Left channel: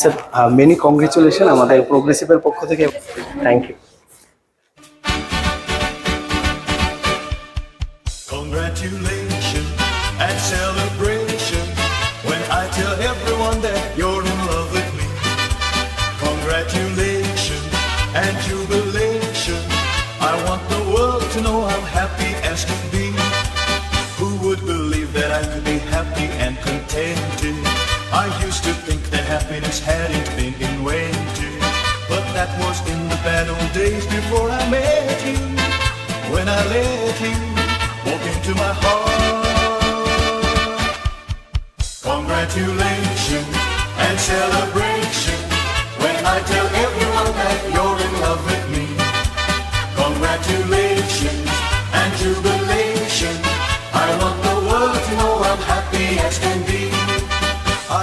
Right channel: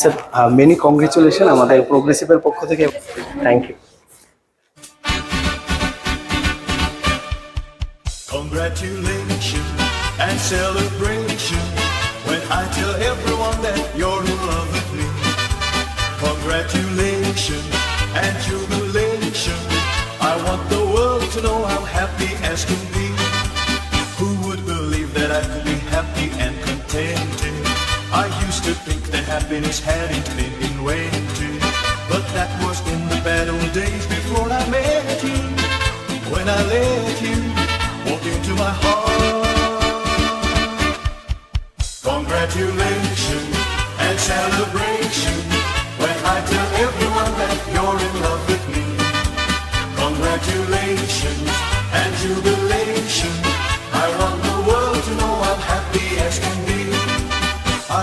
Sir many congratulation আমাদের প্রোগ্রেসিভের পক্ষ থেকে। Thank you. Congratulations and celebration when I tell everyone that you're in love with me. Congratulations and jubilation. I want the world to know how happy as can be. Who would believe that I could be happy and contented? I used to think that happiness hadn't been in waiting, but that was in the bad old days before I met you. When I let you walk into my heart. Congratulations and celebration when I tell everyone that you're in love with me. Congratulations and jubilation. I want the world to know how happy as can be.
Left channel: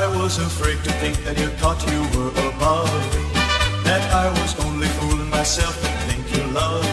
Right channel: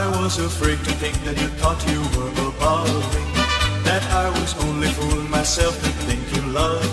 I was afraid to think that you thought you were above me, that I was only fooling myself to think you loved me.